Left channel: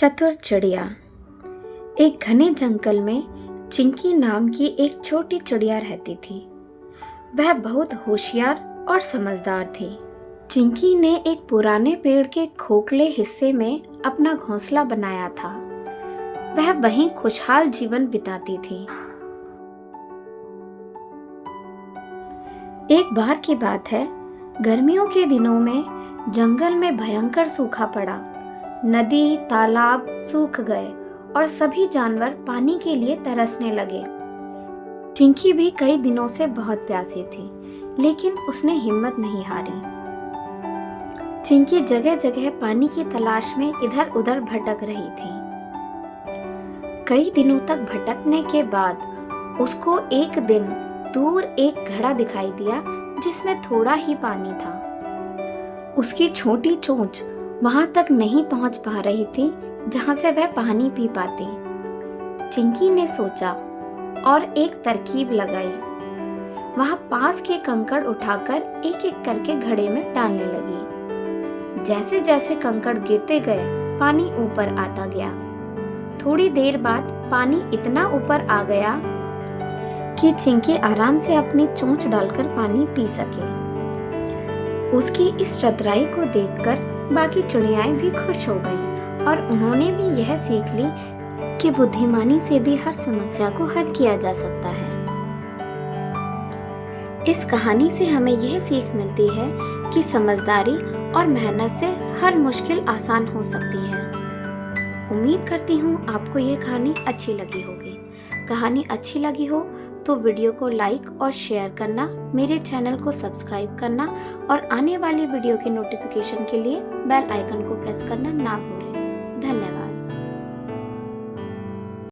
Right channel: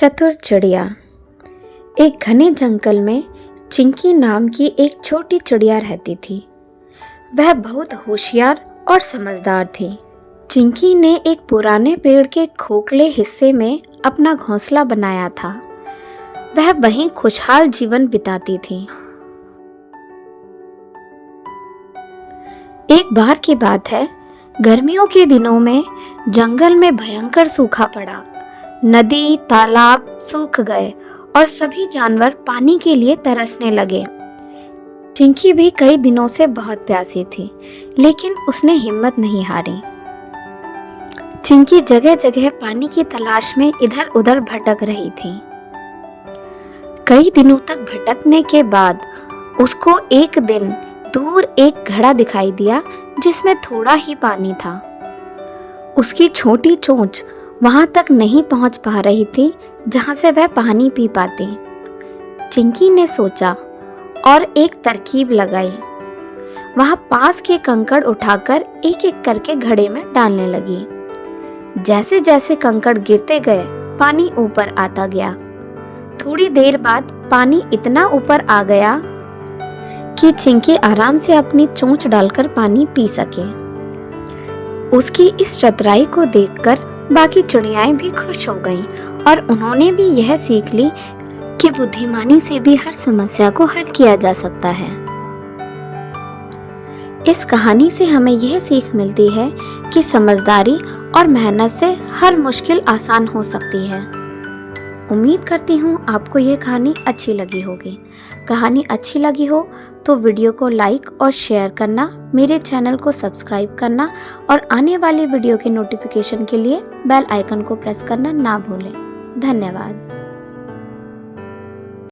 चतुर चिड़िया। एक घने जंगल में चिंकी नाम की एक छोटी चिड़िया रहती थी। वह बहुत होशियार और समझदार थी। चिंकी ने एक पुराने पेड़ के खोखले हिस्से में अपना घोंसला बनाया था। वह वहीं खुशहाल जीवन बिताती थी। एक बार की बात है, गर्मियों के दिनों में जंगल में भयंकर सूखा पड़ा। नदी तालाब सूख गए और सभी जानवर पानी के लिए तरसने लगे। चिंकी भी कई दिनों से बहुत प्यासी थी, लेकिन उसने हिम्मत नहीं हारी। चिंकी जगह जगह पानी की तलाश में इधर उधर भटक रही थी। कई दिनों तक भटकने के बाद उसको एक दिन दूर एक घड़ा दिखाई दिया जिसमें थोड़ा ही पानी था। उसकी छोटी चोंच वहां तक नहीं पहुंच पा रही थी जहां से वह पानी पी पाती। चिंकी ने सोचा और एक तरकीब लगाई। वहां पास के कंकड़ उठाकर एक एक करके घड़े में डालने लगी। जैसे जैसे कंकड़ गिरते गए, पानी ऊपर आता गया। थोड़ी देर बाद पानी इतना ऊपर आ गया कि चिंकी आराम से अपनी चोंच डालकर पानी पी सके। उसकी इस चतुराई को देखकर बाकी चिड़ियाएं भी खुश हो गईं और उन्होंने भी यह सीख ली कि बुद्धिमानी से भी हर समस्या को हल किया जा सकता है। इस कहानी से हमें यह सीख मिलती है कि समझदारी और मेहनत से हर मुश्किल आसान हो सकती है। उम्मीद करती हूँ आपको यह कहानी अच्छी लगी होगी। कहानी अच्छी लगी हो तो वीडियो को लाइक और शेयर करना, मेरे चैनल को सब्सक्राइब करना और आने वाली वीडियो के नोटिफिकेशन के लिए बेल आइकन को प्रेस करना ना भूलें। धन्यवाद।